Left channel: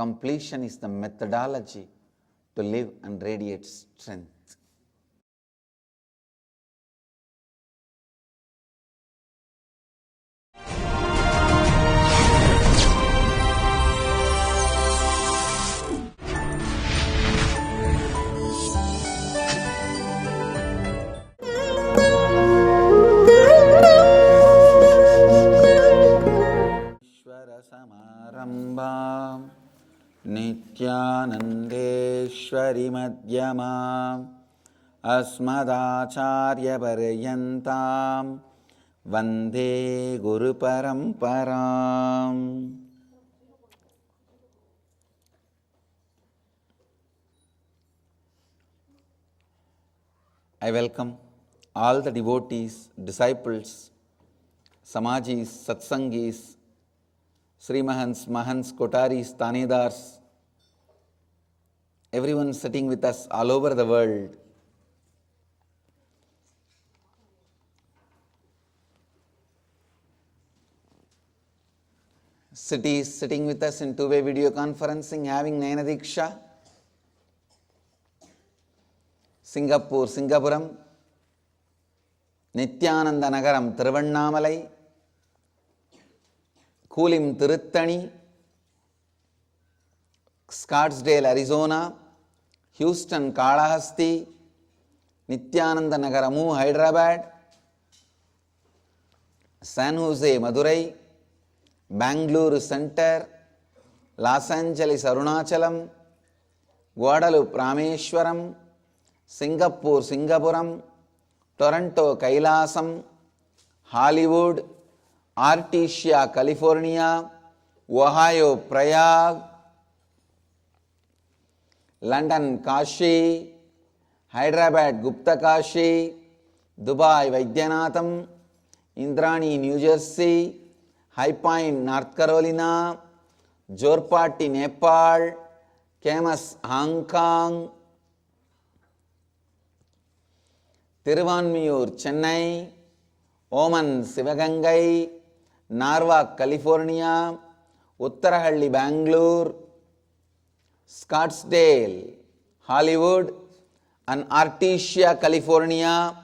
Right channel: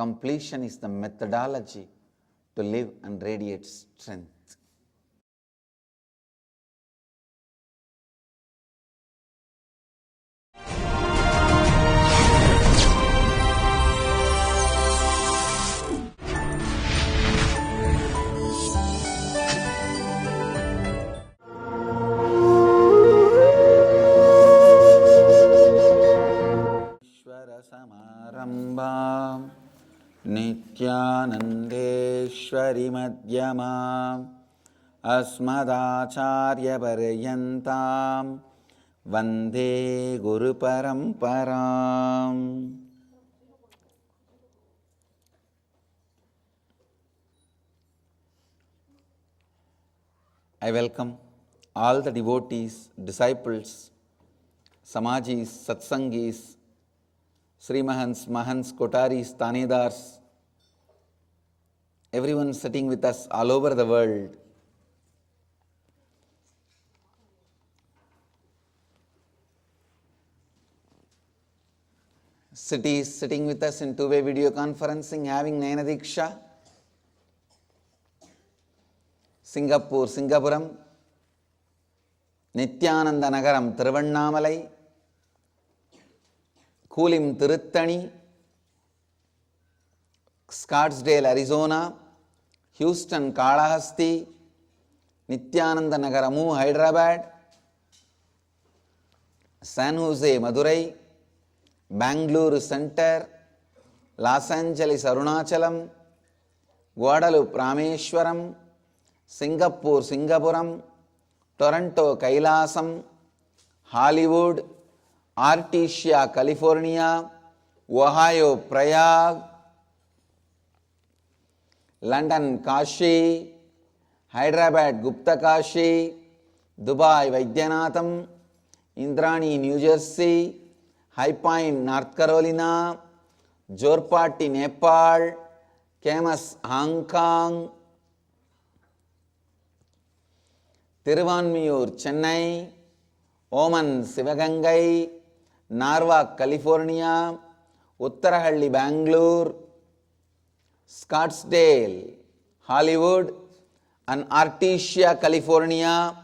Completion is the methodology to live and radiate strength. Nithyanandeshwari madhyamam asmadacharya paryantam vande guru paramparam. I welcome all the devotees, disciples, samajis, satsangis, Srimahans, Mahans, Kotaris, Tanedars, everyone sitting with us all over the world. Cities sitting with us in two-way video conferencing, having Nayana Diksha. Singapore, Singapuram, Nithyananda Nagaram, Tiruvannamalai, Kulim, Tiruttani, Scottsdale, Arizona, Houston, Kalahasti, Nithyananda Nagaramu, Hyderabad, San Jose, Madurai, Bangalore Center, Los Angeles, Arunachalam, Guadalupe, Rameshwaram, Singapore, Singapuram, Toronto, Kailasam, Hollywood, Artesia, California, Ohio, Prayag, London, Kashi, Hyderabad, Gupta Kashi, Dubai, Vaidyanatham, Indrani, New Jersey, High Point, North Carolina, Jorpati, Nepal, Camas, Hong Kong, Tiruvannamalai, Chennai, Oman, Sivagangai, Narva, California, Uttarahalli, Bangalore, Scottsdale, Hollywood, and Artesia, California.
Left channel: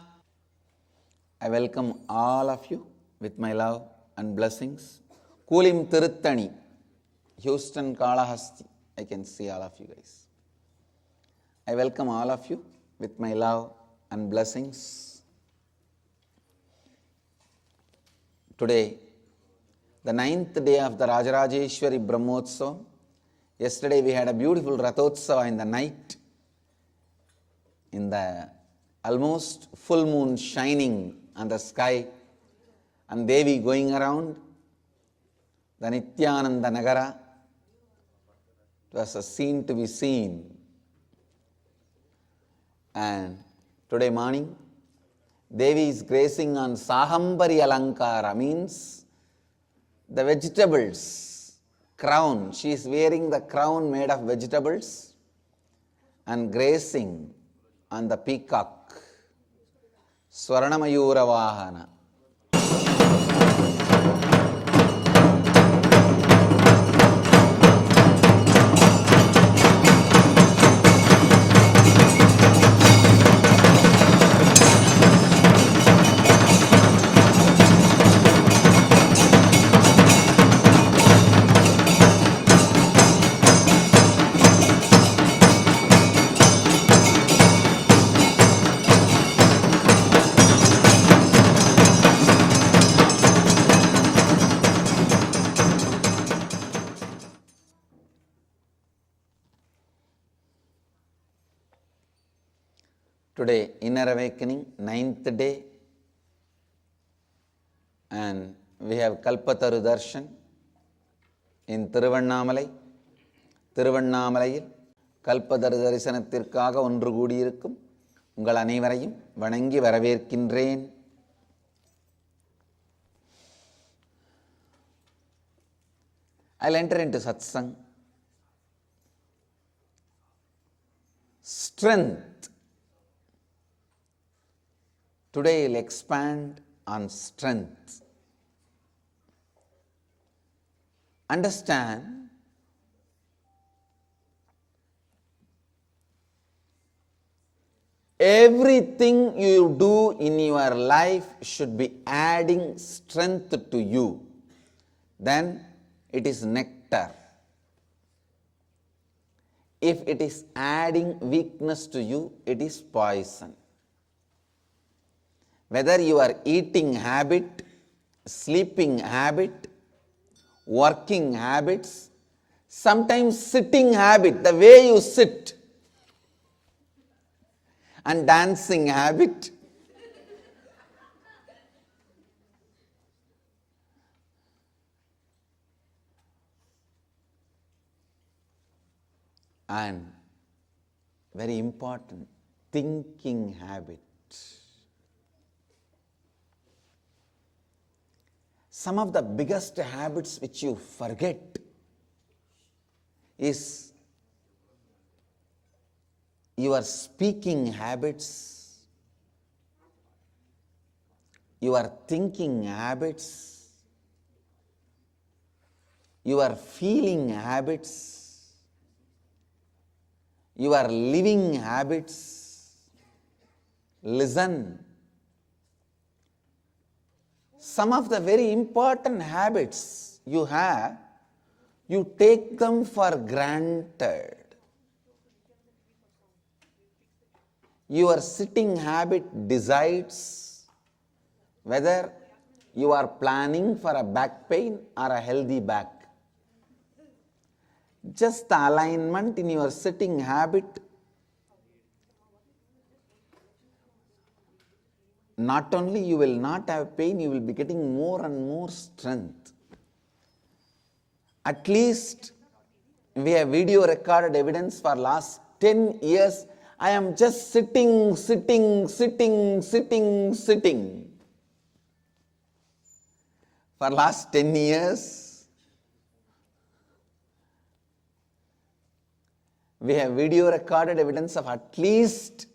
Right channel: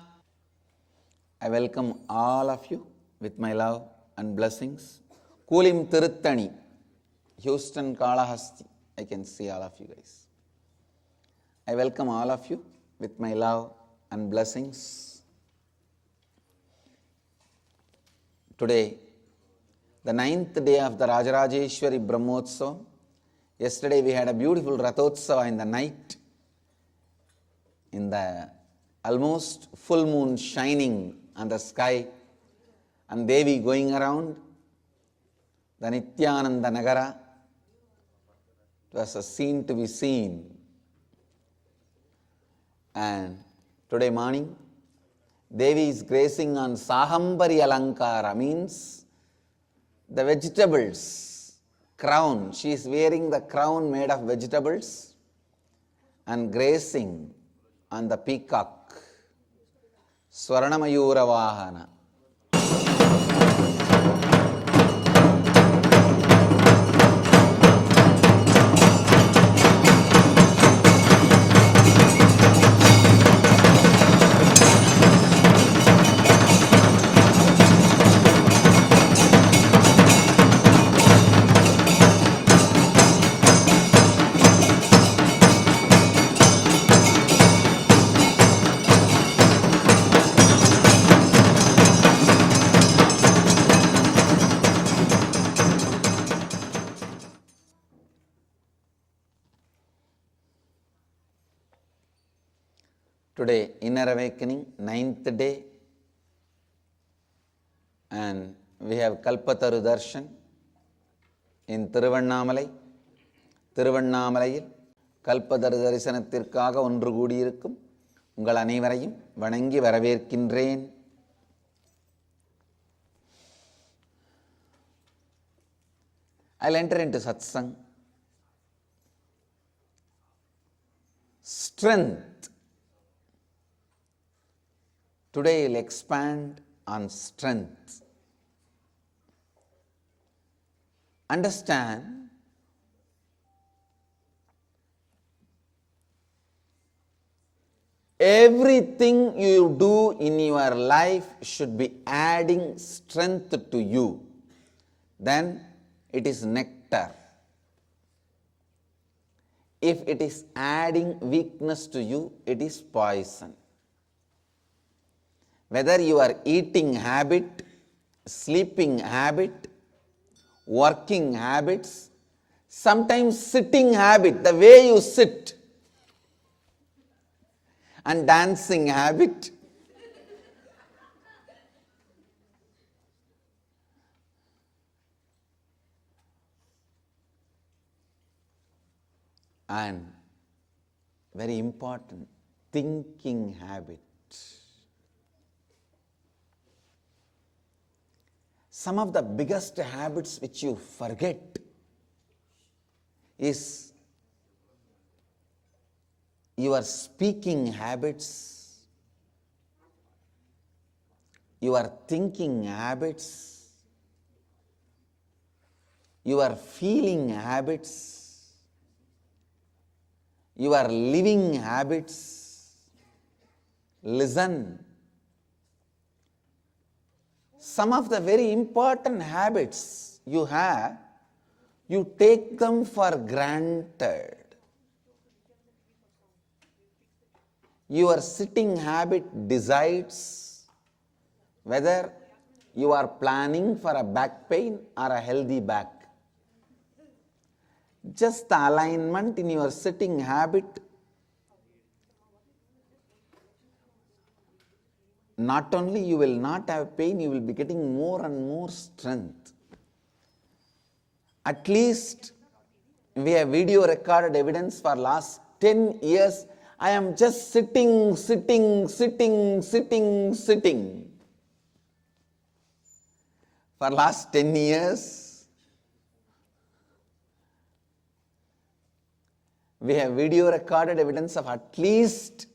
I welcome all of you with my love and blessings. Kulim, Tiruttani, Houston, Kalahasti. I can see all of you guys. I welcome all of you with my love and blessings. Today, the 9th day of the Rajarajeshwari Brahmotsavam. Yesterday we had a beautiful Rathotsava in the night, in the almost full moon shining on the sky, and Devi going around the Nithyananda Nagara. It was a scene to be seen. And today morning, Devi is gracing on Sahambari Alankara, means the vegetables crown. She is wearing the crown made of vegetables and gracing on the peacock. Swarnamayura Vahana. Today, Inner Awakening, 9th day, and we have Kalpataru Darshan in Tiruvannamalai. திருவண்ணாமலையில் கல்பதரு தரிசனத்திற்காக ஒன்று கூடியிருக்கும் உங்கள் அனைவரையும் வணங்கி வரவேற்கின்றேன். I'll enter into Satsang. Strength. Today I'll expand on strength. Understand Everything you do in your life should be adding strength to you. Then it is nectar. If it is adding weakness to you, it is poison. Whether your eating habit, sleeping habit, working habits, sometimes sitting habit, the way you sit, and dancing habit, and very important, thinking habit. Some of the biggest habits which you forget is your speaking habits, your thinking habits, your feeling habits, your living habits. Listen. Some of the very important habits you have, you take them for granted. Your sitting habit decides whether you are planning for a back pain or a healthy back. Just the alignment in your sitting habit, not only you will not have pain, you will be getting more and more strength. At least we have video recorded evidence for last 10 years. I am just sitting. For last 10 years, we have video recorded evidence of at least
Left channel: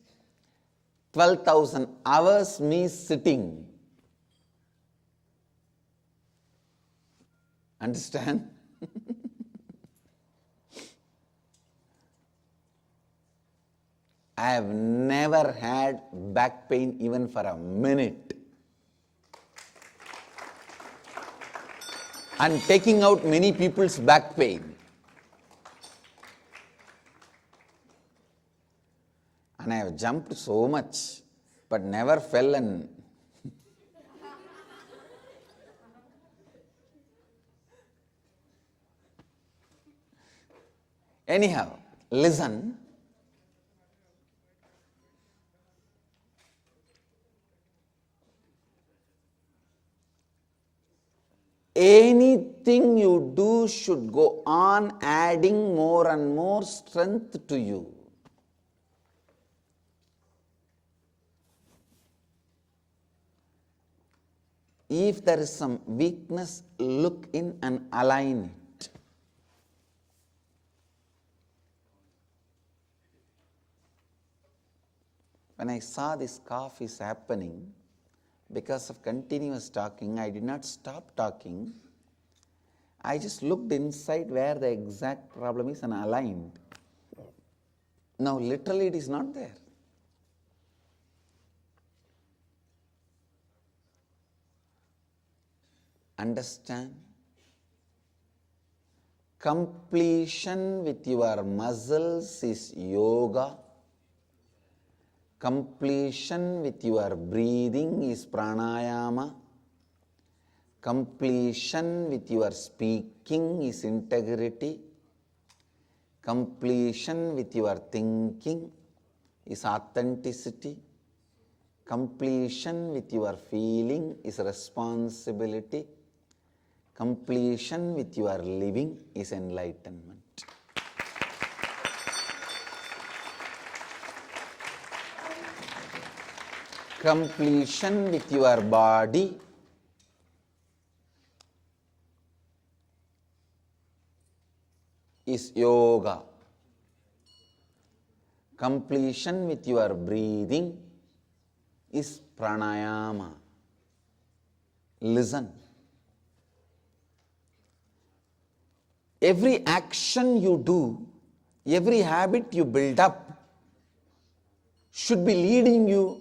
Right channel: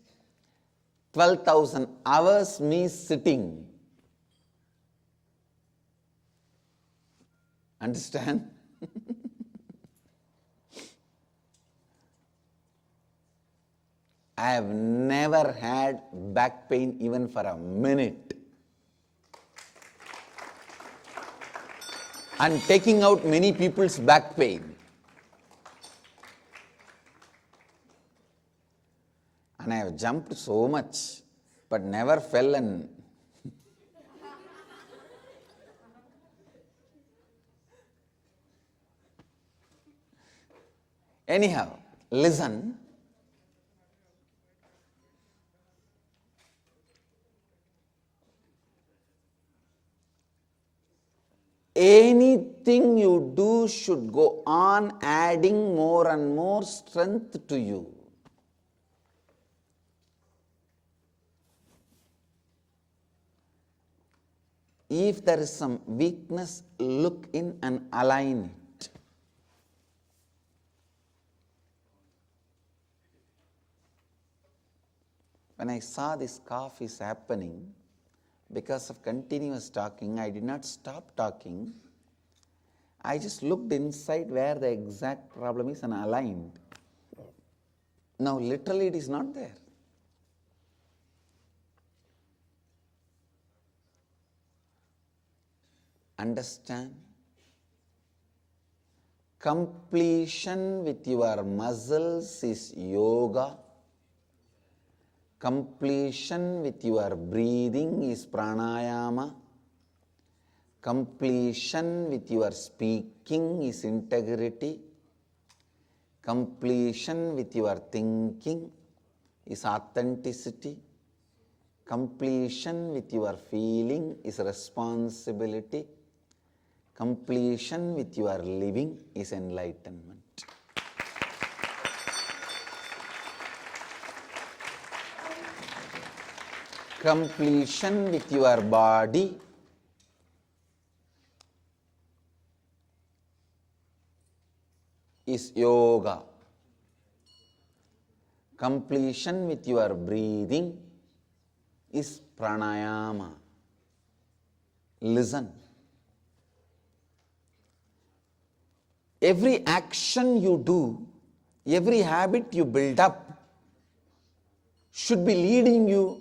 12,000 hours me sitting. Understand? I have never had back pain even for a minute. And taking out many people's back pain. And I have jumped so much, but never fell and anyhow, listen. Anything you do should go on adding more and more strength to you. If there is some weakness, look in and align it. When I saw this cough is happening, because of continuous talking, I did not stop talking. I just looked inside where the exact problem is and aligned. Now, literally, it is not there. Understand? Completion with your muscles is yoga. Completion with your breathing is pranayama. Completion with your speaking is integrity. Completion with your thinking is authenticity. Completion with your feeling is responsibility. Completion with your living is enlightenment. Completion with your body is yoga. Completion with your breathing is pranayama. Listen. Every action you do, every habit you build up, should be leading you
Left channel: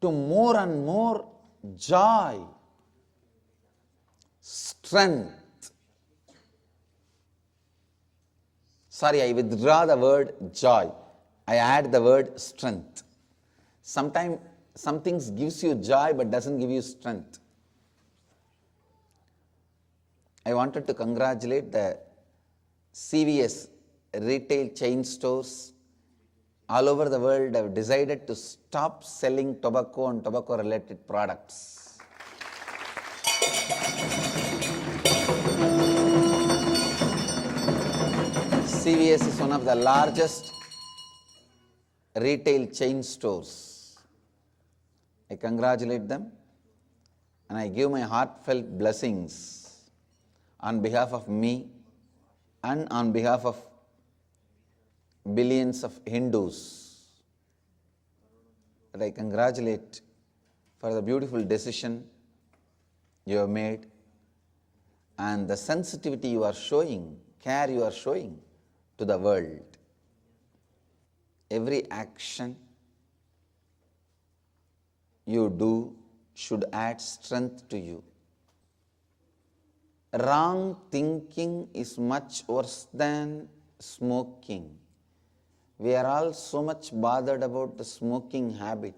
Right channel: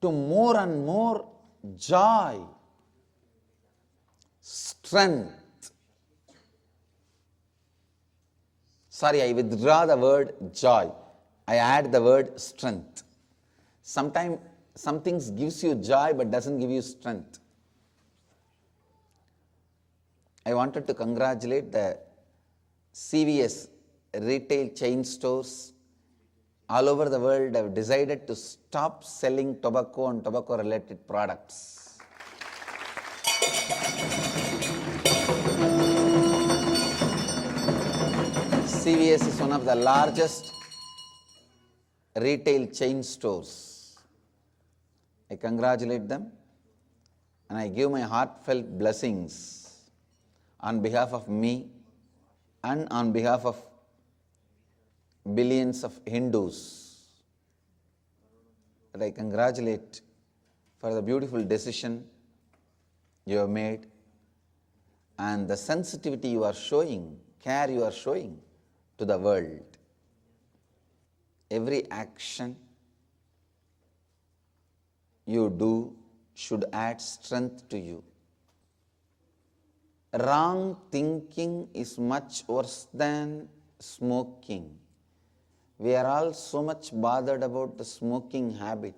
to more and more joy, strength. Sorry, I withdraw the word joy. I add the word strength. Sometimes some things gives you joy but doesn't give you strength. I wanted to congratulate the CVS retail chain stores all over the world have decided to stop selling tobacco and tobacco related products. CVS is one of the largest retail chain stores. I congratulate them and I give my heartfelt blessings on behalf of me and on behalf of billions of Hindus. But I congratulate for the beautiful decision you have made and the sensitivity you are showing, care you are showing to the world. Every action you do should add strength to you. Wrong thinking is much worse than smoking. We are all so much bothered about the smoking habit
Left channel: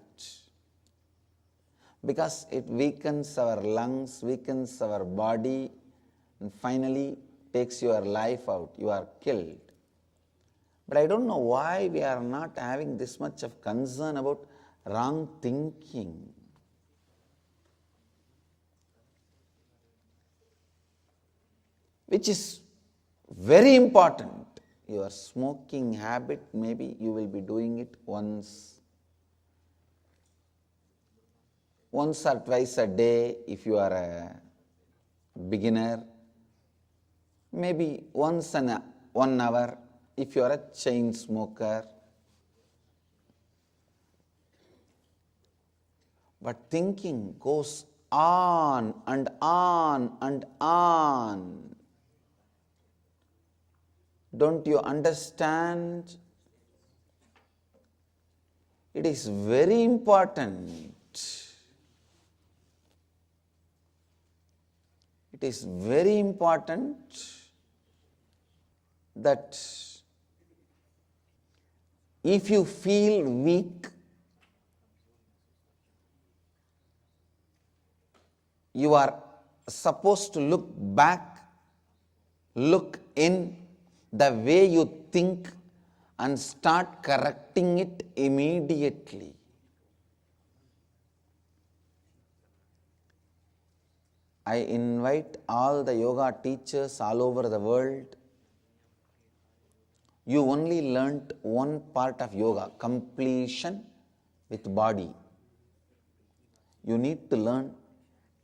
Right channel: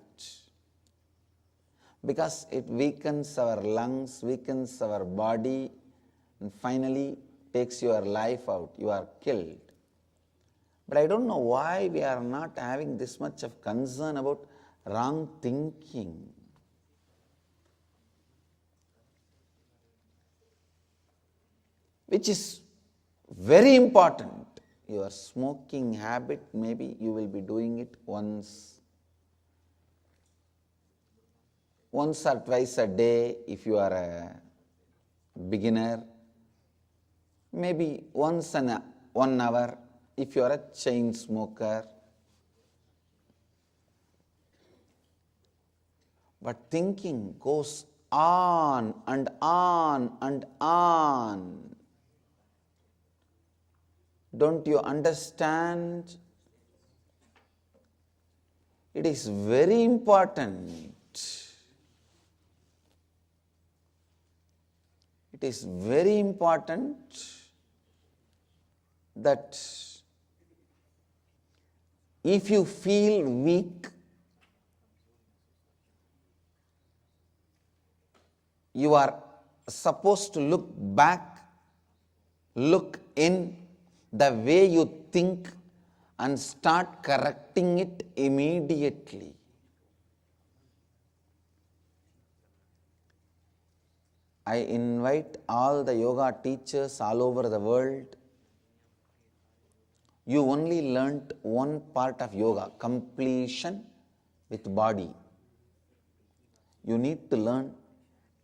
because it weakens our lungs, weakens our body, and finally takes your life out. You are killed. But I don't know why we are not having this much of concern about wrong thinking. Which is very important. Your smoking habit, maybe you will be doing it once or twice a day if you are a beginner. Maybe once in 1 hour if you are a chain smoker. But thinking goes on and on and on. Don't you understand? It is very important. It is very important that if you feel weak, you are supposed to look back, look in the way you think and start correcting it immediately. I invite all the yoga teachers all over the world. You only learnt one part of yoga, completion with body. You need to learn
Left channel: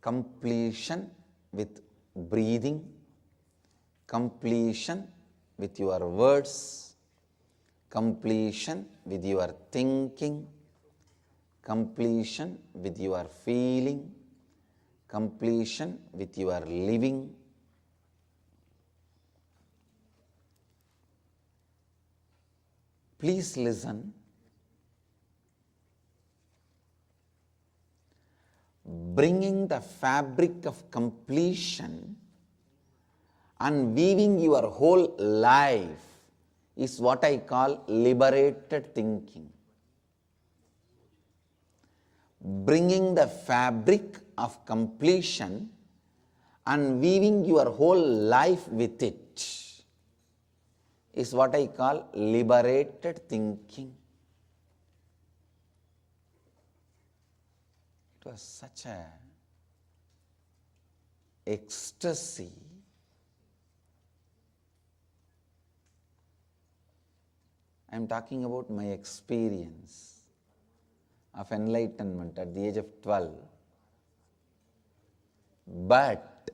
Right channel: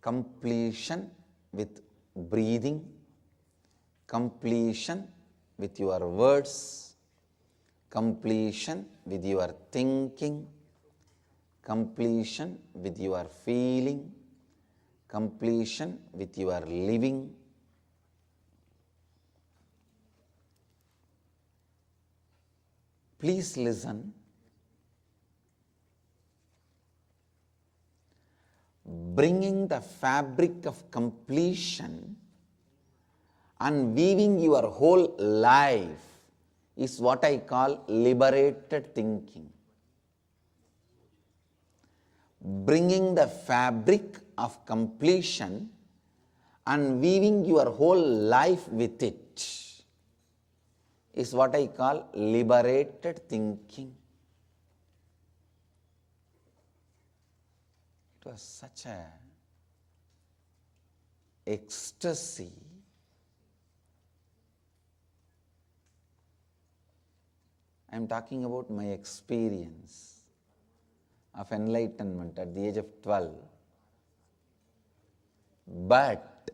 completion with breathing, completion with your words, completion with your thinking, completion with your feeling, completion with your living. Please listen. Bringing the fabric of completion and weaving your whole life is what I call liberated thinking. Bringing the fabric of completion and weaving your whole life with it is what I call liberated thinking. It was such a ecstasy. I am talking about my experience of enlightenment at the age of 12. But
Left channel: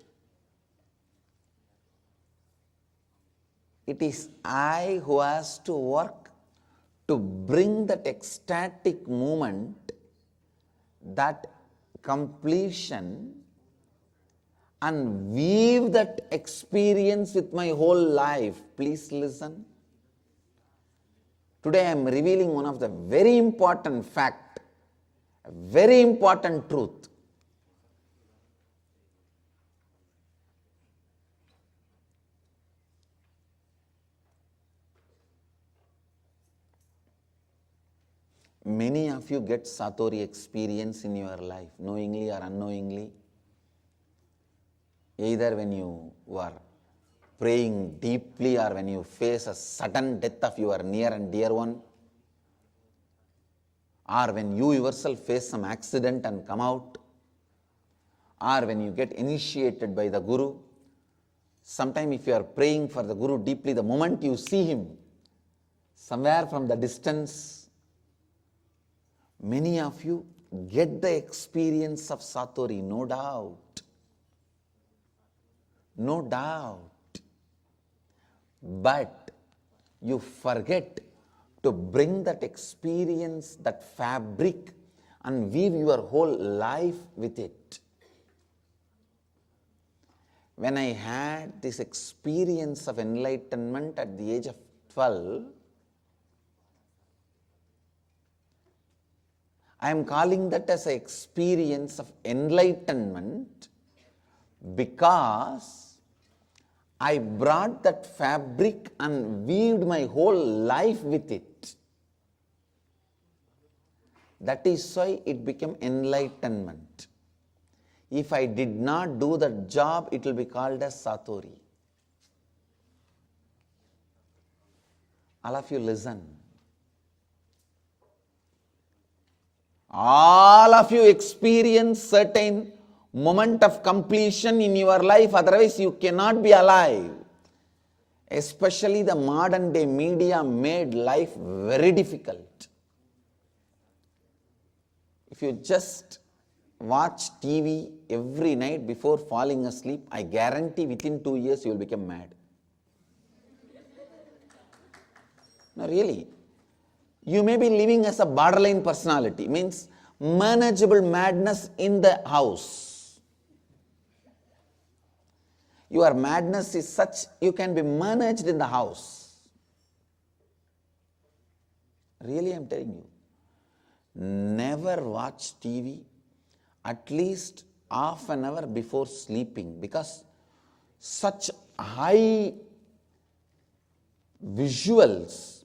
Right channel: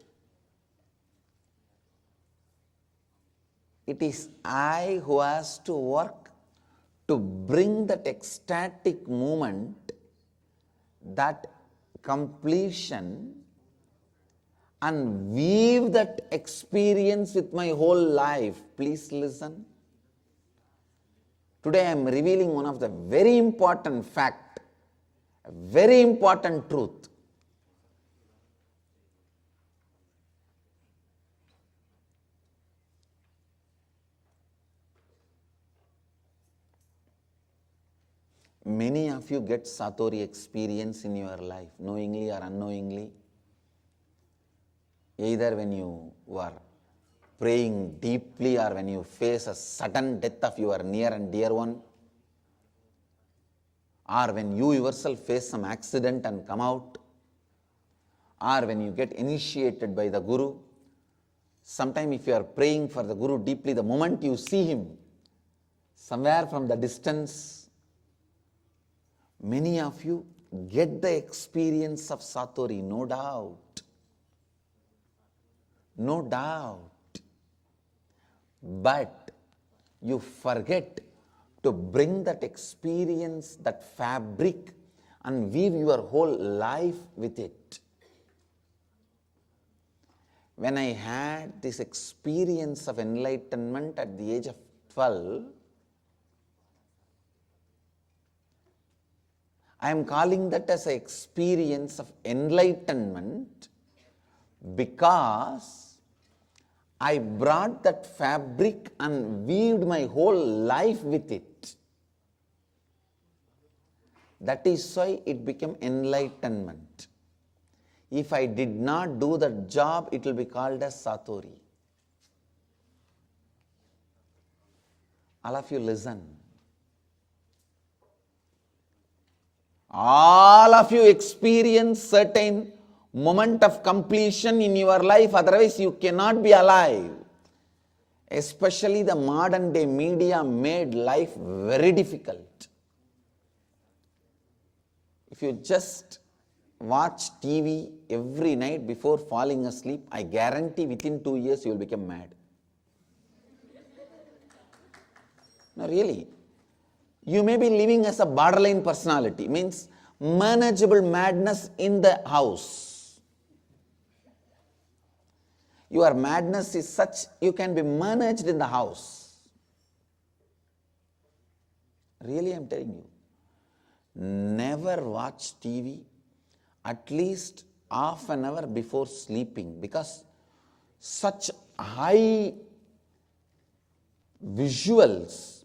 it is I who has to work to bring that ecstatic moment, that completion, and weave that experience with my whole life. Please listen. Today I am revealing one of the very important fact, a very important truth. Many of you get Satori experience in your life, knowingly or unknowingly. Either when you are praying deeply or when you face a sudden death of your near and dear one, or when you yourself face some accident and come out, or when you get initiated by the Guru. Sometime if you are praying for the Guru deeply, the moment you see him, somewhere from the distance, many of you get the experience of Satori, no doubt. No doubt. But you forget to bring that experience, that fabric, and weave your whole life with it. When I had this experience of enlightenment at the age of 12, I am calling that as an experience of enlightenment because I brought that fabric and weaved my whole life with it. That is why it became enlightenment. If I did not do that job, it will be called as Satori. All of you listen. All of you experience certain moment of completion in your life, otherwise you cannot be alive. Especially the modern day media made life very difficult. If you just watch TV every night before falling asleep, I guarantee within 2 years you will become mad. No, really. You may be living as a borderline personality, means manageable madness in the house. Your madness is such you can be managed in the house. Really, I am telling you. Never watch TV at least half an hour before sleeping, because such high visuals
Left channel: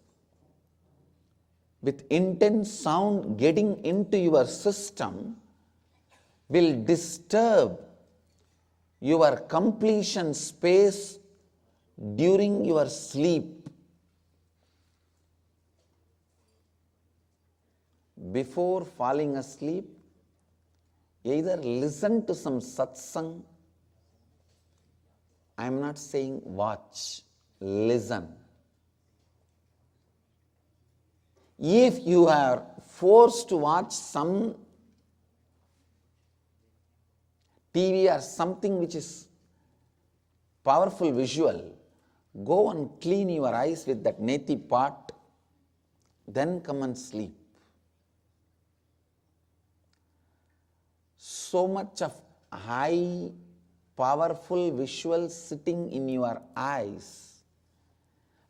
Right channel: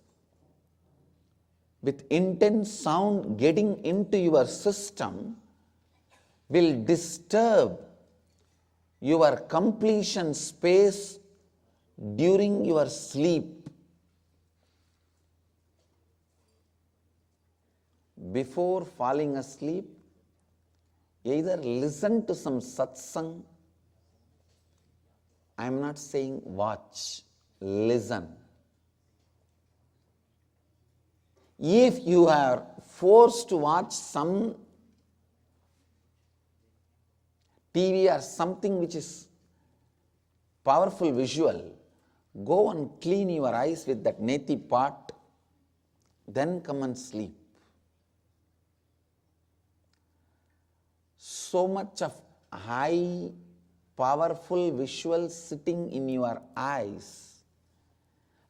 with intense sound getting into your system will disturb your completion space during your sleep. Before falling asleep, either listen to some satsang. I am not saying watch, listen. If you are forced to watch some TV or something which is powerful visual, go and clean your eyes with that neti pot, then come and sleep. So much of high, powerful visual sitting in your eyes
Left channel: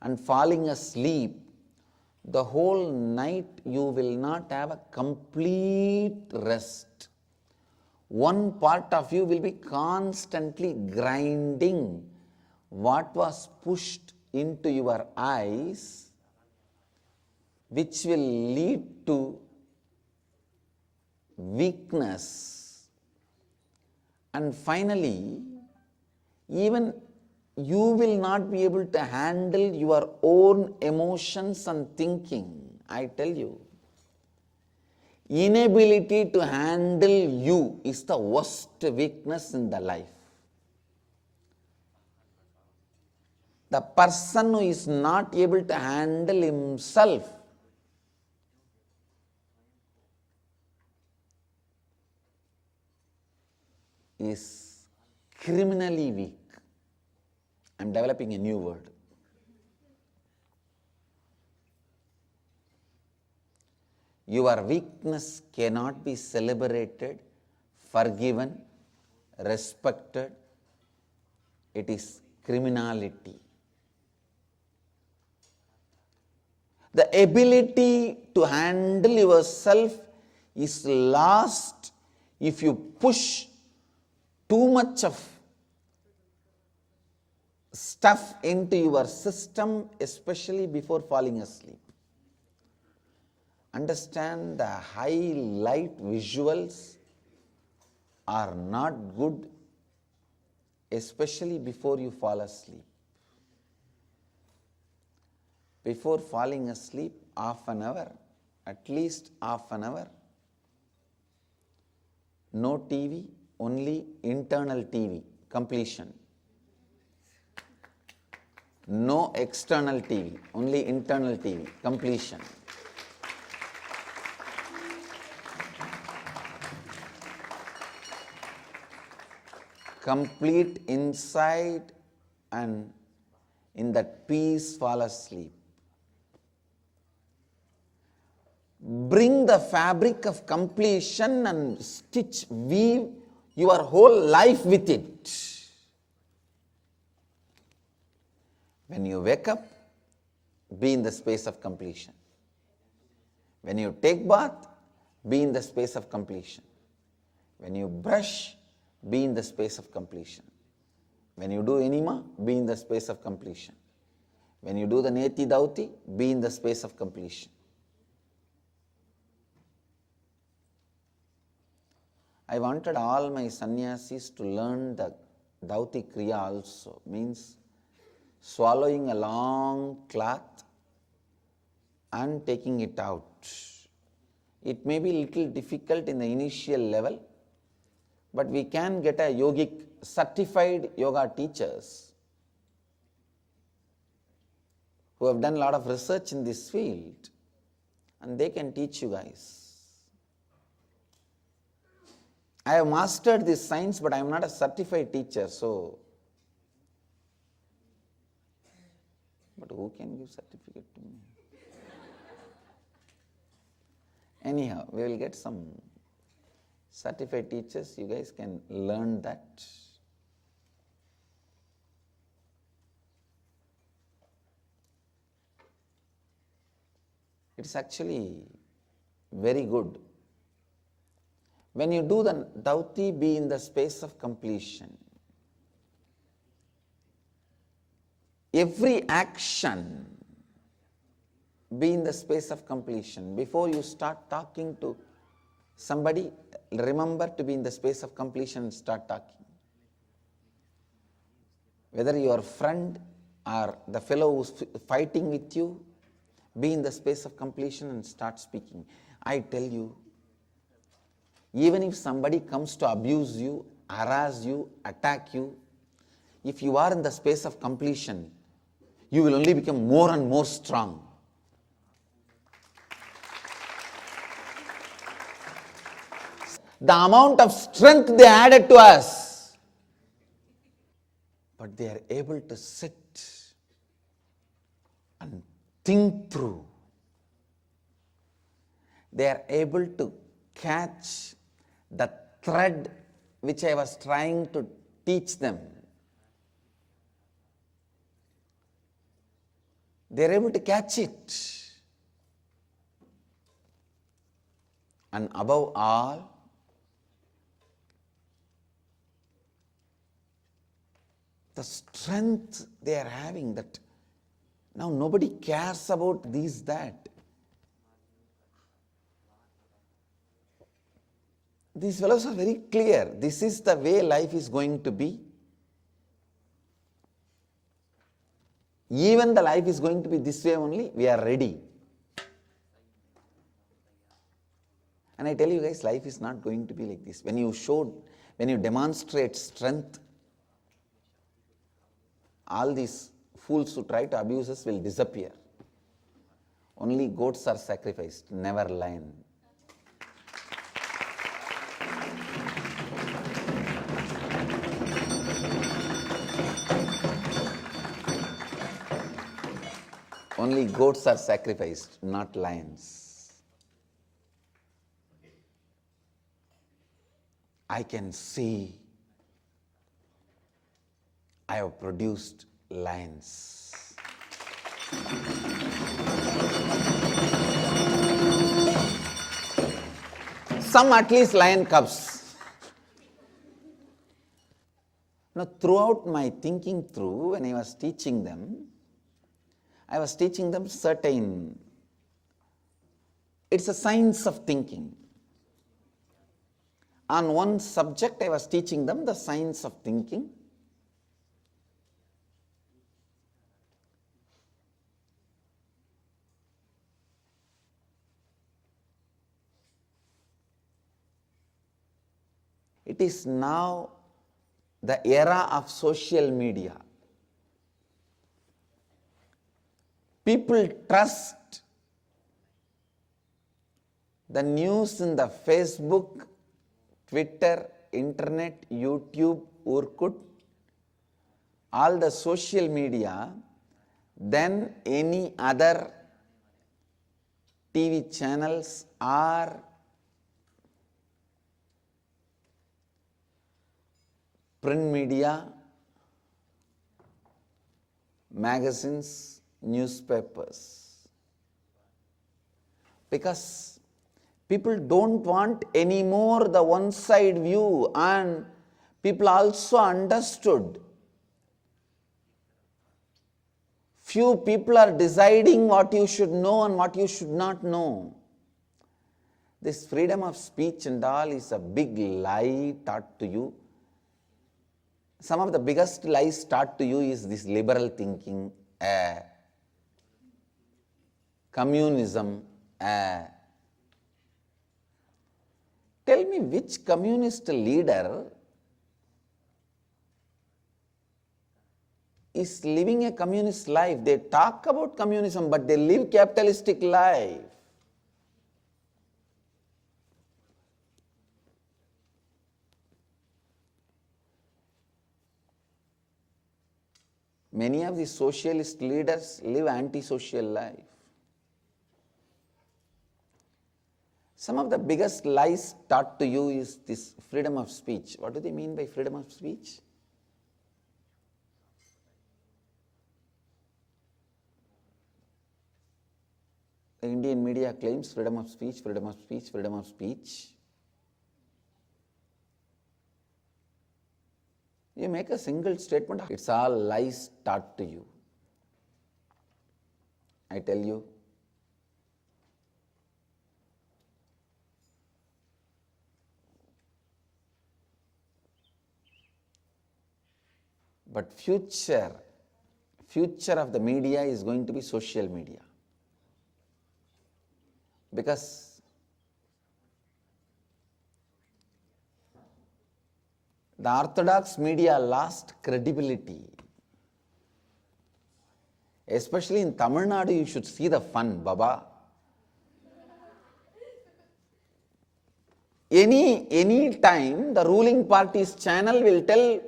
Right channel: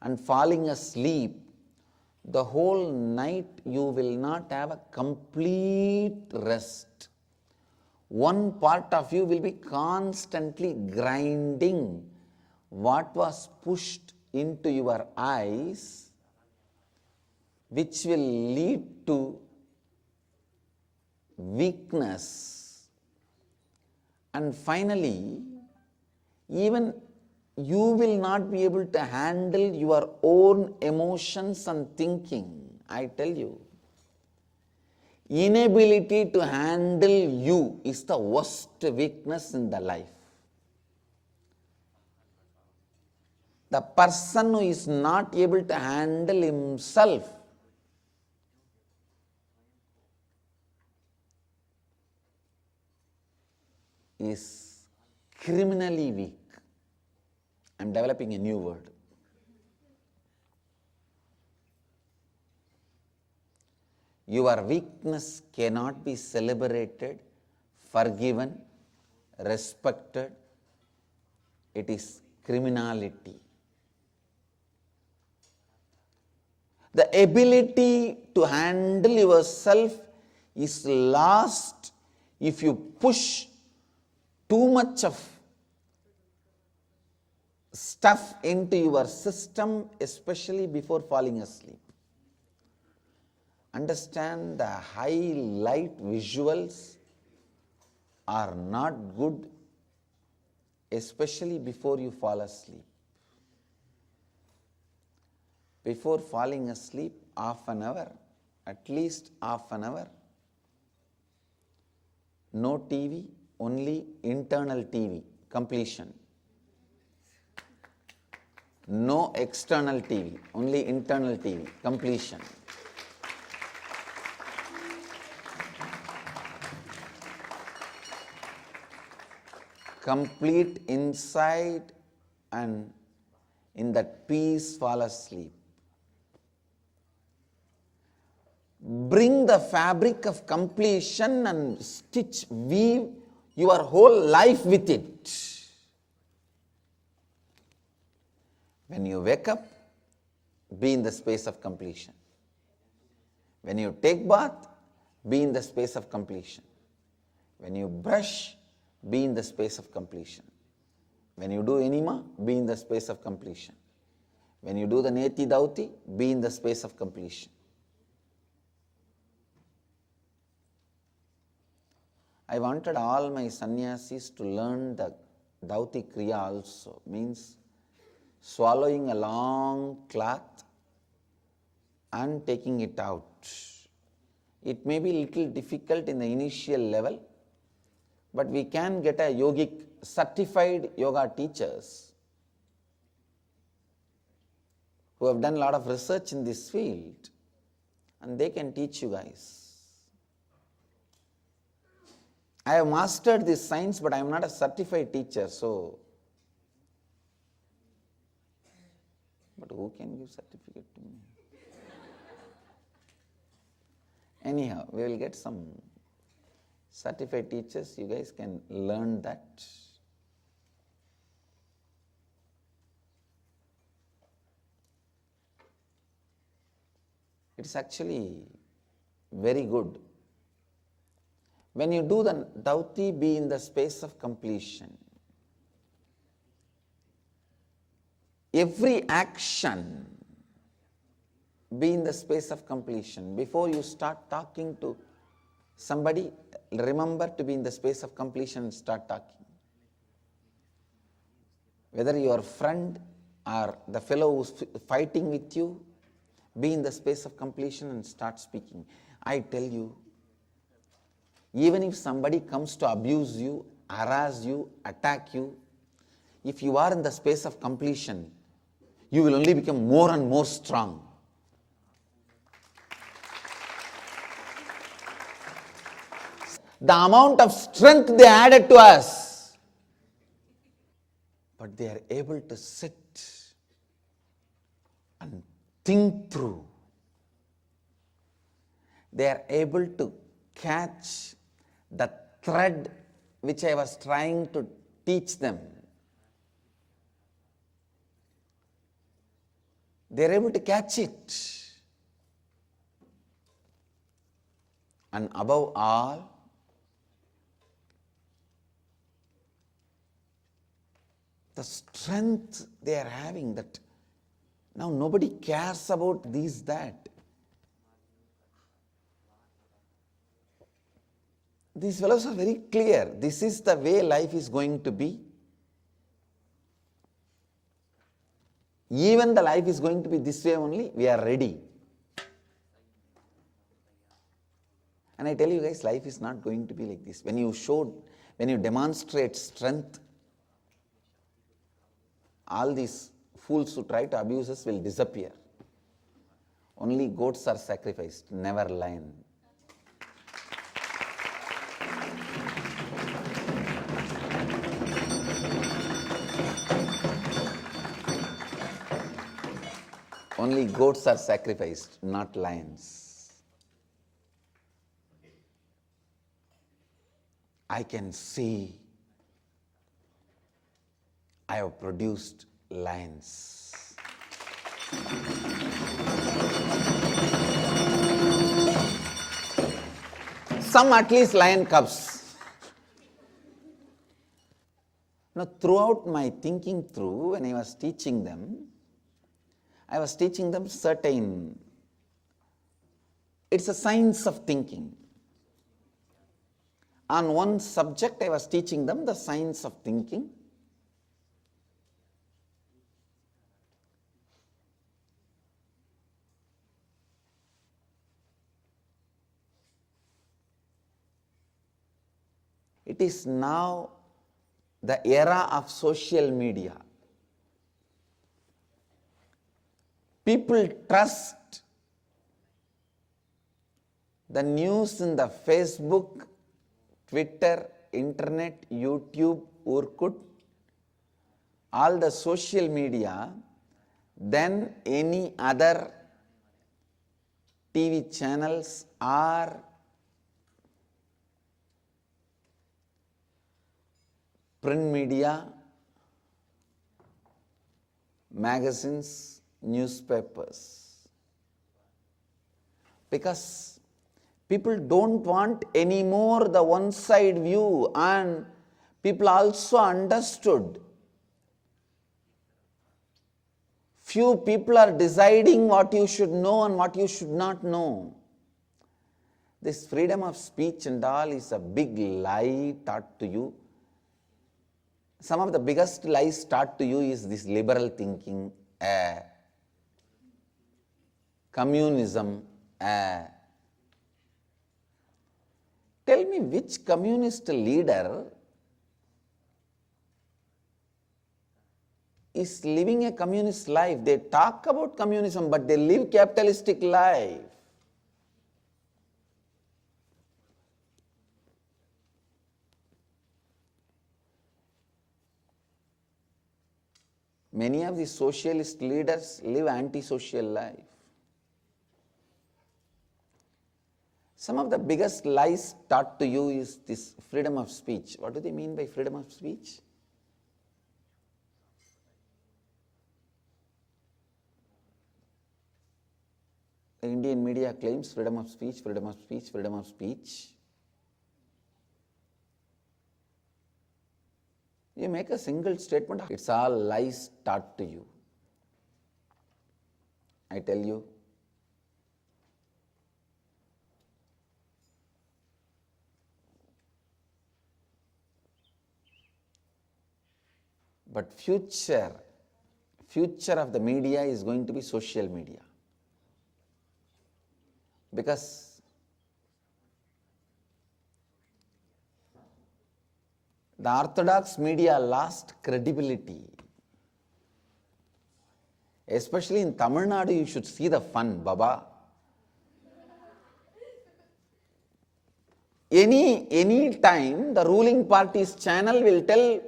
and falling asleep, the whole night you will not have a complete rest. One part of you will be constantly grinding what was pushed into your eyes, which will lead to weakness. And finally, even you will not be able to handle your own emotions and thinking. I tell you, inability to handle you is the worst weakness in the life. The person who is not able to handle himself is criminally weak. I am developing a new word. Your weakness cannot be celebrated, forgiven, respected. It is criminality. The ability to handle yourself is lost if you push too much of stuff into your system, especially before falling asleep. Understand the high light visuals are not good, especially before you fall asleep. Before falling asleep, half an hour, at least half an hour, no TV, only internal TV, completion. No external TV, only internal TV, completion. Complete insight and in that peace fall asleep. Bring the fabric of completion and weave your whole life with it. When you wake up, be in the space of completion. When you take bath, be in the space of completion. When you brush, be in the space of completion. When you do enema, be in the space of completion. When you do the neti dauti, be in the space of completion. I wanted all my sannyasis to learn the dauti kriya also, means swallowing a long cloth and taking it out. It may be a little difficult in the initial level, but we can get a yogic certified yoga teachers who have done a lot of research in this field, and they can teach you guys. I have mastered this science, but I am not a certified teacher, so. But who can give certificate to me? Anyhow, we will get some certified teachers. You guys can learn that. It's actually very good. When you do the dauti, be in the space of completion. Every action, be in the space of completion. Before you start talking to somebody, remember to be in the space of completion and start talking. Whether your friend or the fellow who's fighting with you, be in the space of completion and start speaking. I tell you, even if somebody comes to abuse you, harass you, attack you, if you are in the space of completion, you will only become more and more strong. The amount of strength they added to us, but they are able to sit and think through. They are able to catch the thread which I was trying to teach them. They are able to catch it. And above all, the strength they are having, that now nobody cares about this, that. These fellows are very clear. This is the way life is going to be. Even the life is going to be this way only, we are ready. And I tell you guys, life is not going to be like this. When you demonstrate strength, all these fools who try to abuse us will disappear. Only goats are sacrificed, never lion. Only goats are sacrificed, not lions. I can see I have produced lions. some at least lion cubs. Now, throughout my thinking through, when I was teaching them certain, it's a science of thinking. On one subject, I was teaching them the science of thinking. It is now the era of social media. People trust the news in the Facebook, Twitter, internet, YouTube, Orkut, all the social media than any other TV channels or print media, magazines, newspapers. Because people don't want anymore the one-side view, and people also understood. Few people are deciding what you should know and what you should not know. This freedom of speech and all is a big lie taught to you. Some of the biggest lies taught to you is this liberal thinking, communism. Tell me which communist leader is living a communist life. They talk about communism, but they live capitalistic life. Many of the socialist leaders live anti-social life. Some of the biggest lies taught to you is this freedom of speech. What do they mean by freedom of speech? The Indian media claims freedom of speech, freedom of speech, freedom of speech. You make a single statement, it's all lies taught to you. I tell you, but future of the media is going to be social media. Because the orthodox media lost credibility. Especially in Tamil Nadu, you should see the fun, Baba. Any time the ruling party's channel will tell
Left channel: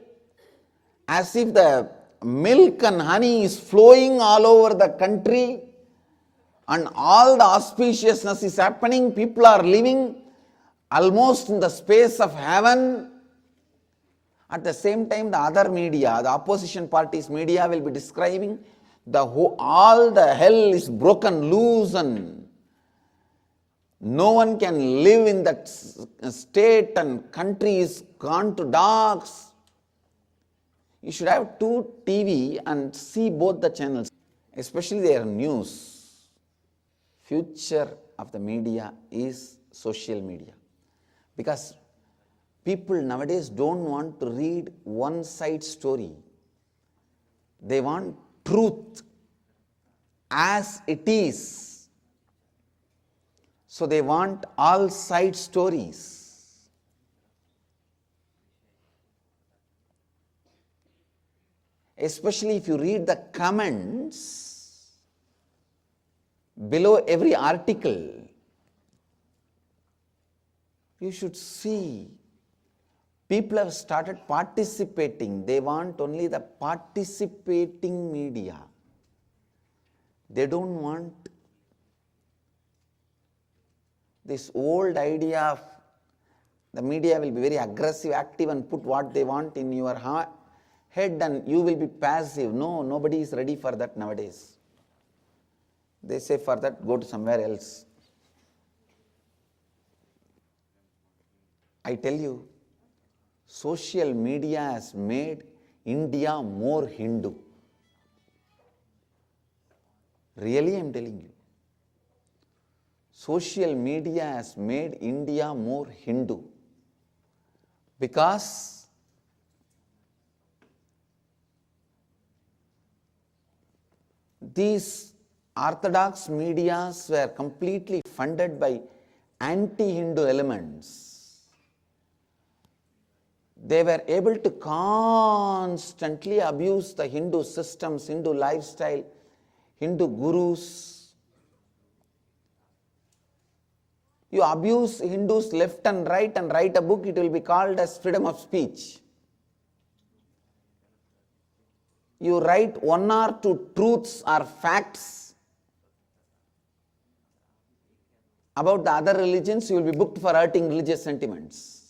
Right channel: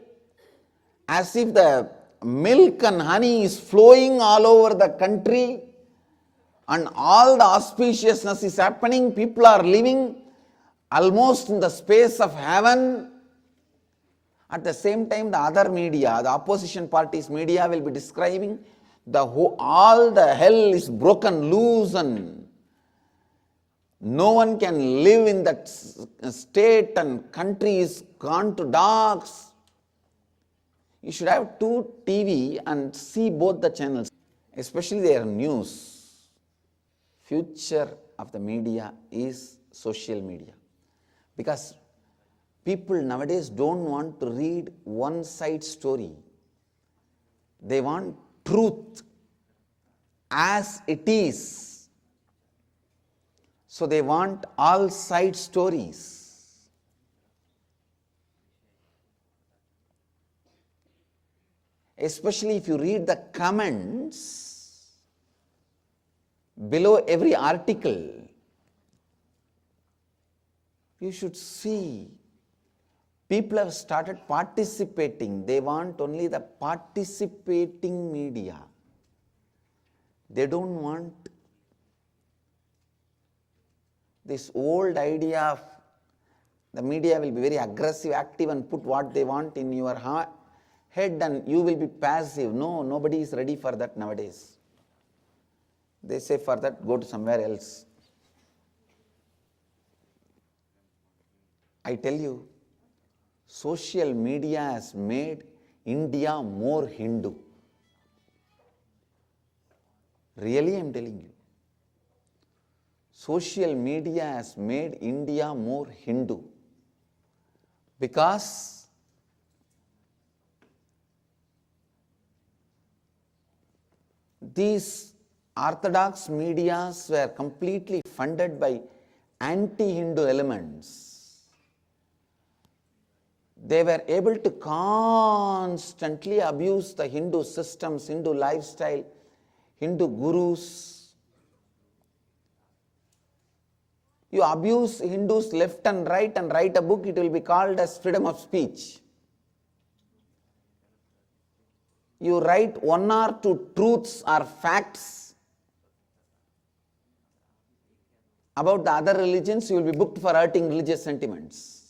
as if the milk and honey is flowing all over the country and all the auspiciousness is happening, people are living almost in the space of heaven. At the same time, the other media, the opposition party's media will be describing all the hell is broken loose and no one can live in that state and country is gone to dogs. You should have two TV and see both the channels, especially their news. Future of the media is social media. Because people nowadays don't want to read one-side story. They want truth as it is. So they want all side stories. Especially if you read the comments below every article, you should see people have started participating. They want only the participating media. They don't want this old idea of the media will be very aggressive, active and put what they want in your head and you will be passive. No, nobody is ready for that nowadays. They say for that, go to somewhere else. I tell you, social media has made India more Hindu. Really, I am telling you. Social media has made India more Hindu because these orthodox medias were completely funded by anti-Hindu elements. They were able to constantly abuse the Hindu systems, Hindu lifestyle, Hindu gurus. You abuse Hindus left and write a book, it will be called as freedom of speech. You write one or two truths or facts about the other religions, you will be booked for hurting religious sentiments.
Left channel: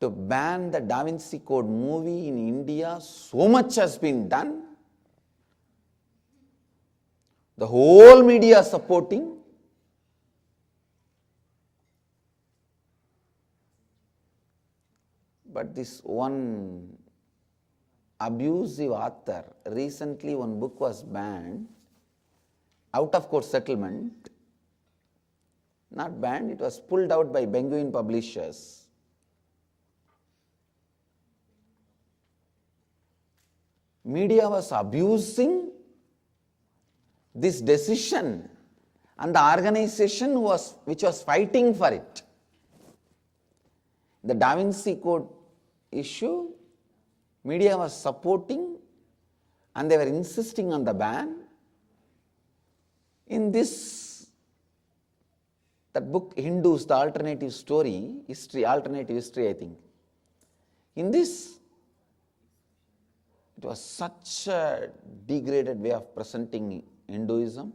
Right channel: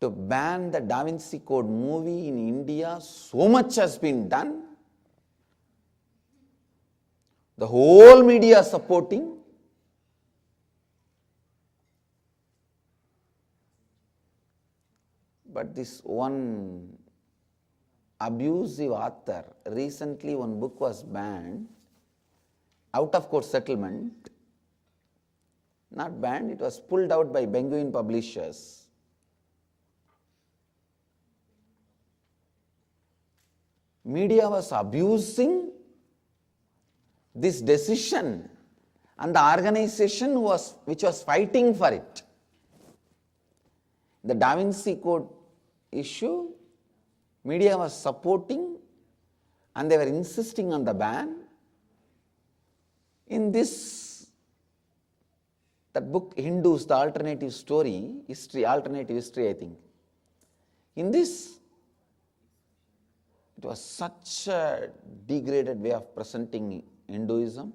To ban the Da Vinci Code movie in India, so much has been done. The whole media supporting. But this one abusive author, recently one book was banned, out of court settlement, not banned, it was pulled out by Penguin publishers. Media was abusing this decision and the organization which was fighting for it. The Da Vinci Code issue, media was supporting and they were insisting on the ban. In that book, Hindus, the alternative history, I think. In this, it was such a degraded way of presenting Hinduism.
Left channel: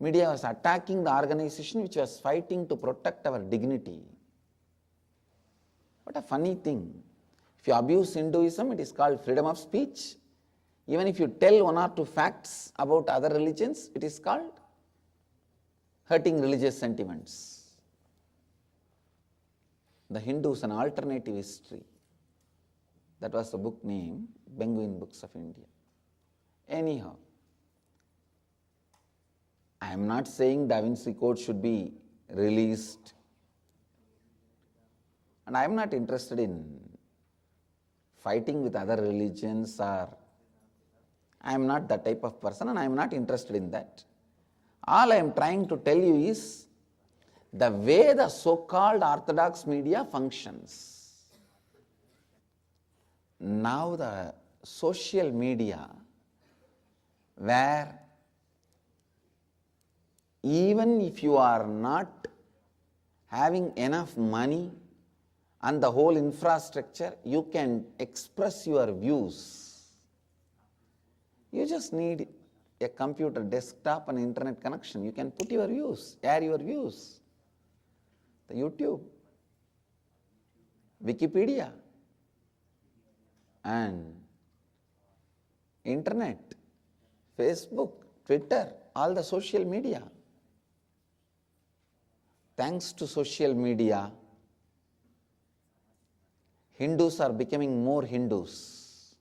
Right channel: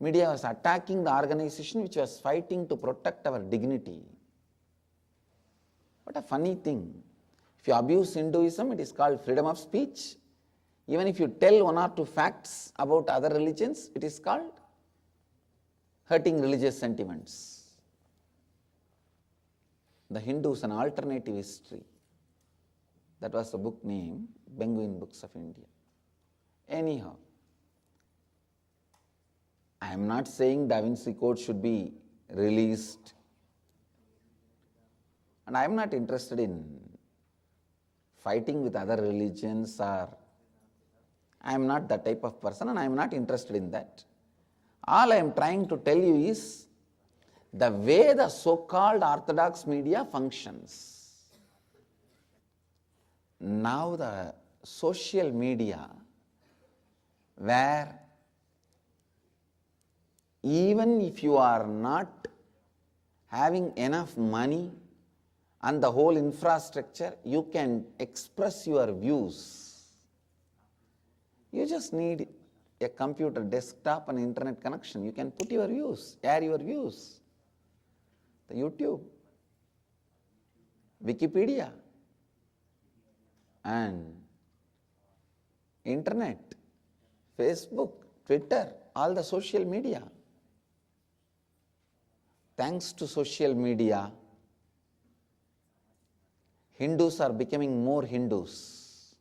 Media was attacking the organization which was fighting to protect our dignity. What a funny thing. If you abuse Hinduism, it is called freedom of speech. Even if you tell one or two facts about other religions, it is called hurting religious sentiments. The Hindus, an alternative history. That was the book name, Penguin Books of India. Anyhow, I am not saying Da Vinci Code should be released. And I am not interested in fighting with other religions, or I am not that type of person and I am not interested in that. All I am trying to tell you is the way the so-called orthodox media functions. Now the social media, where even if you are not having enough money and the whole infrastructure, you can express your views. You just need a computer, desktop and internet connection. You can put your views, air your views. The YouTube, Wikipedia, and internet, Facebook, Twitter, all the social media. Thanks to social media, Hindus are becoming more Hindus.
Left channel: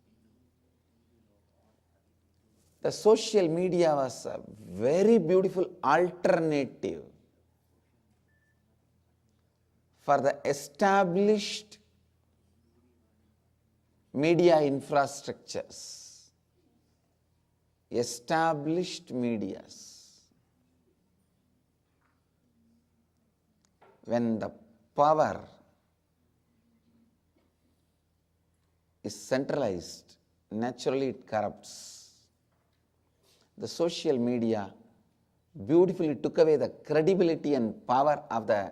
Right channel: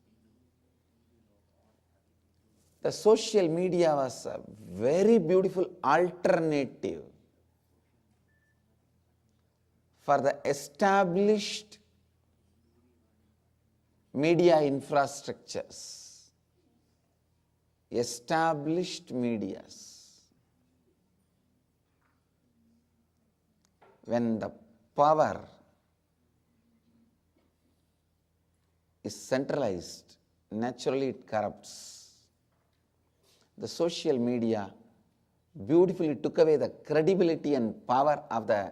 The social media was a very beautiful alternative for the established media infrastructures, established medias. When the power is centralized, naturally it corrupts. The social media beautifully took away the credibility and power of the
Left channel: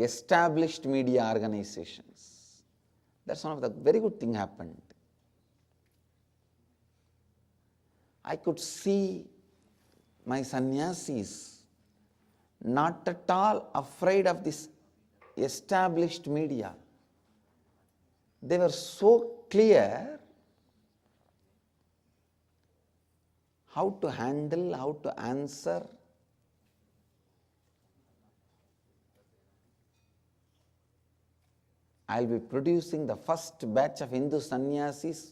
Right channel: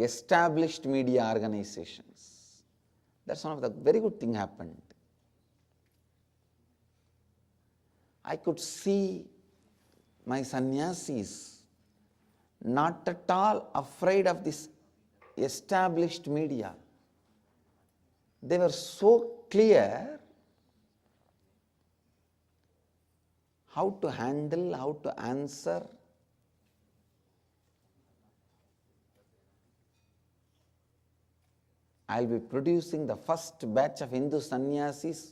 established media organizations. That's one of the very good thing happened. I could see my sannyasis not at all afraid of this established media. They were so clear how to handle, how to answer I'll be producing the first batch of Hindu sannyasis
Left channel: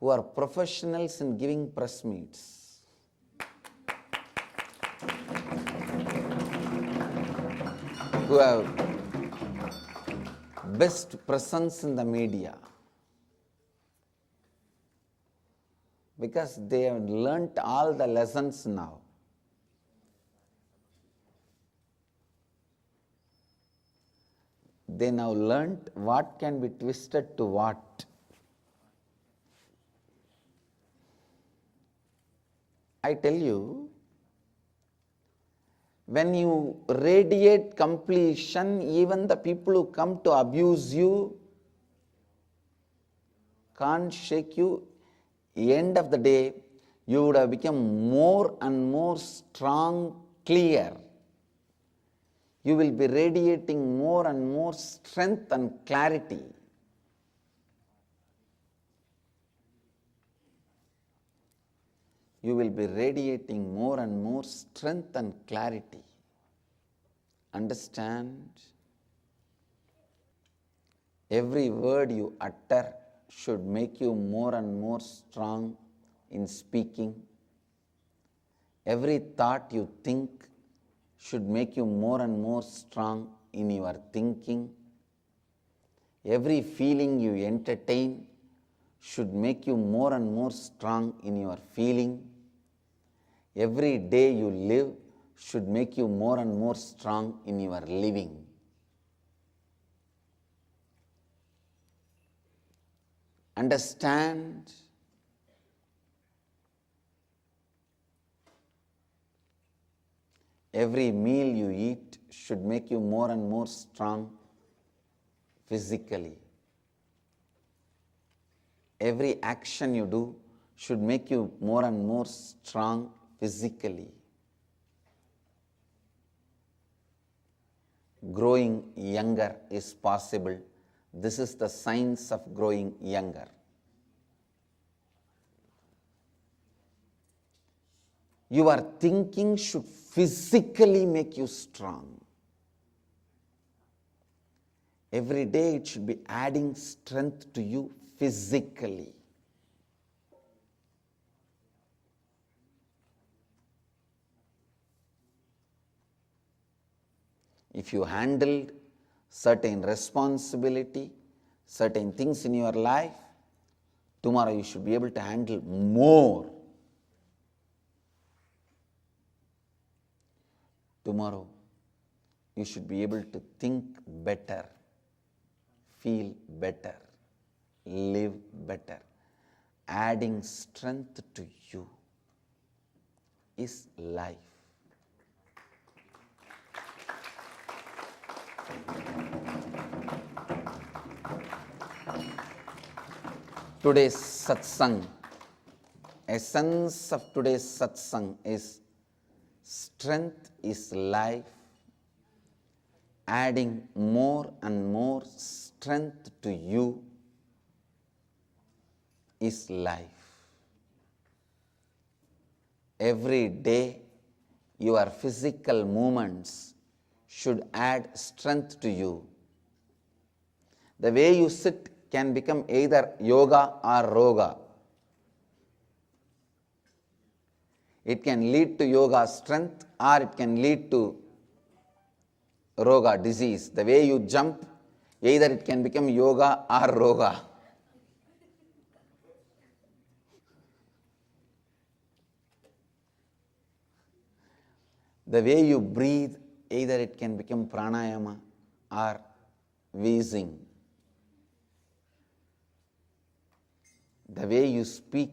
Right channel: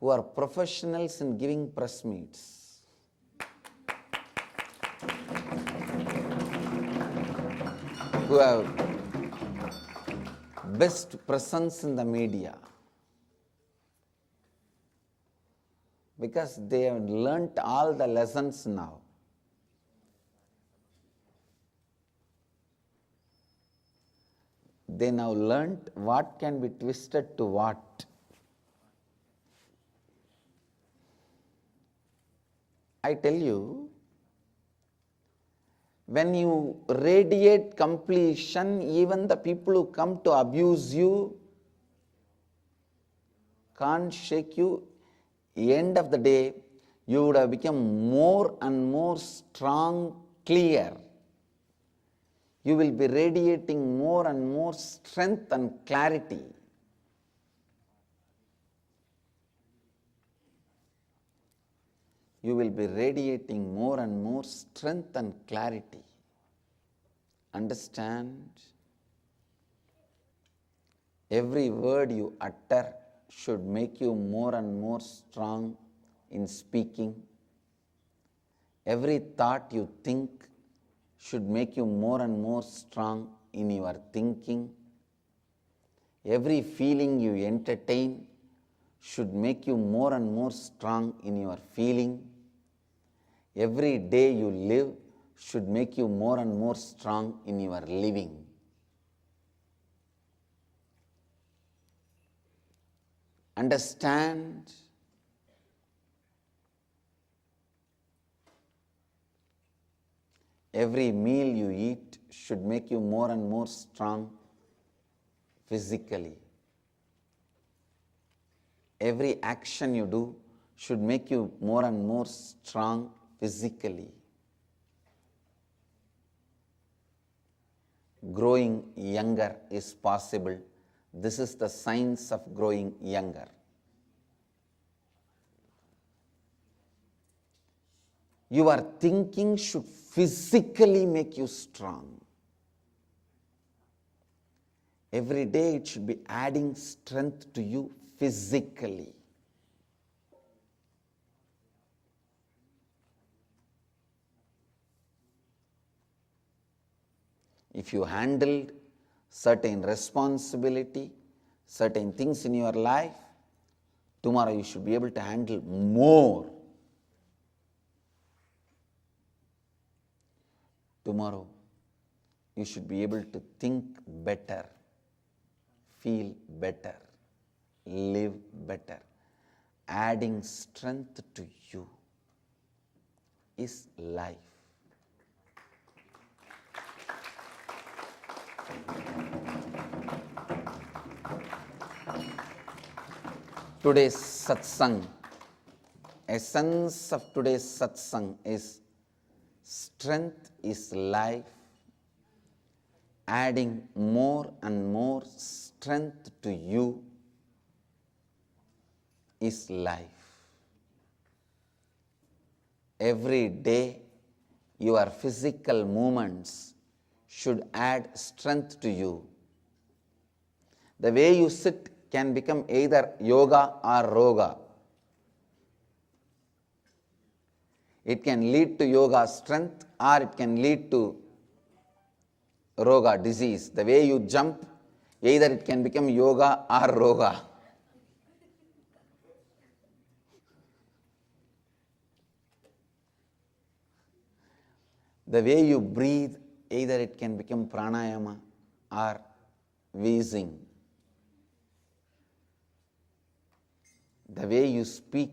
who are professionals in giving press meets. Who have best presence in the media. Because they have learnt all the lessons now. They now learnt what can be twisted to what. I tell you, when you radiate completion, even the people who come to abuse you can't shake you. End of the day, you would have become more and more strong, clear. You will be radiating more and more strength and clarity. You will be radiating more and more strength and clarity. Understand? Every word you utter should make you more and more strong in speaking. Every thought you think should make you more and more strong in your thinking. Every feeling you entertain should make you more and more strong in your feeling. Every day you live should make you more and more strong in your living. Understand? Every meal you eat should make you more and more strong physically. Every action you do should make you more and more strong physically. Growing younger is possible. This is the science of growing younger. Your thinking should physically make you strong. Every day it should be adding strength to you physically. If you handled certain responsibility, certain things in your life, tomorrow you should be able to handle more. Tomorrow you should be able to think better, feel better, live better. Adding strength to you is life. Today's Satsang, essence of today's Satsang is strength is life. Adding more and more strength to you is life. Every day your physical movements should add strength to you. The way you sit can become either yoga or roga. It can lead to yoga strength or it can lead to roga disease. The way you jump, either it can become yoga or roga. The way you breathe, either it can become pranayama or wheezing. The way you speak,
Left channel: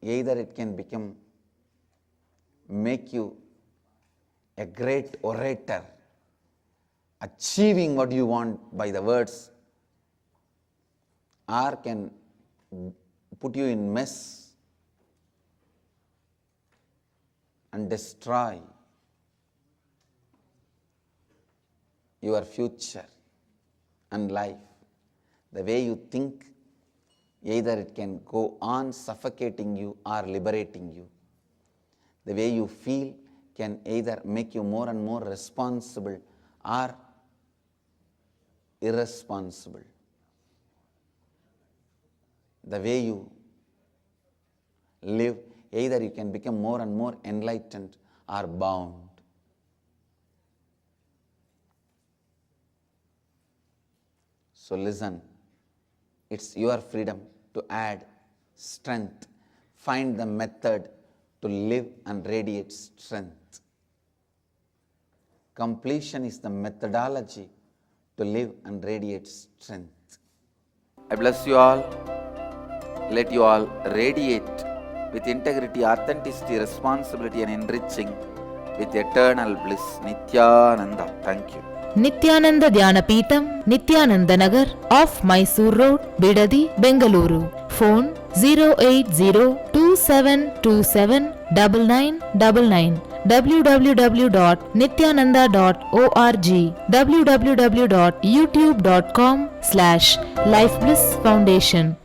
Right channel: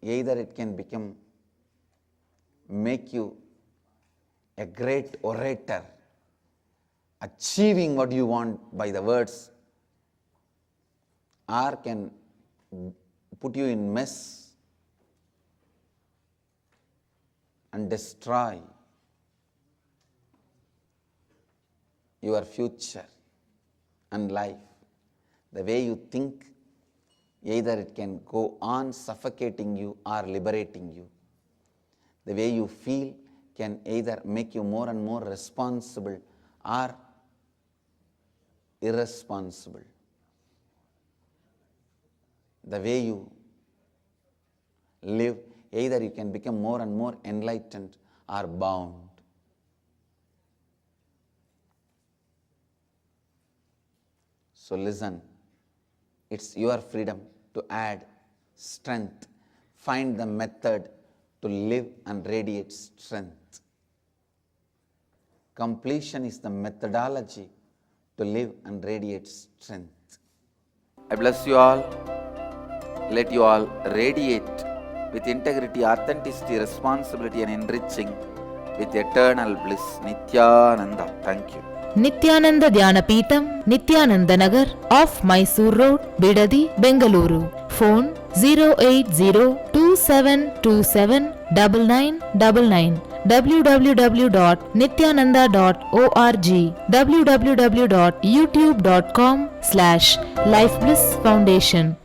either it can make you a great orator, achieving what you want by the words, or can put you in mess and destroy your future and life. The way you think, either it can go on suffocating you or liberating you. The way you feel can either make you more and more responsible or irresponsible. the way you live, either you can become more and more enlightened or bound. So listen, it's your freedom to add strength. Find the method to live and radiate strength. Completion is the methodology to live and radiate strength. I bless you all. Let you all radiate with integrity, authenticity, responsibility and enriching with eternal bliss. Nithyananda. Thank you. Nithyananda Dhyanapitham, Nithyananda Nagar, off Mysore Road, Bidadi, Bengaluru. Phone 08027279999. www.nithyananda.org. www.youtube.com/Life Bliss Foundation.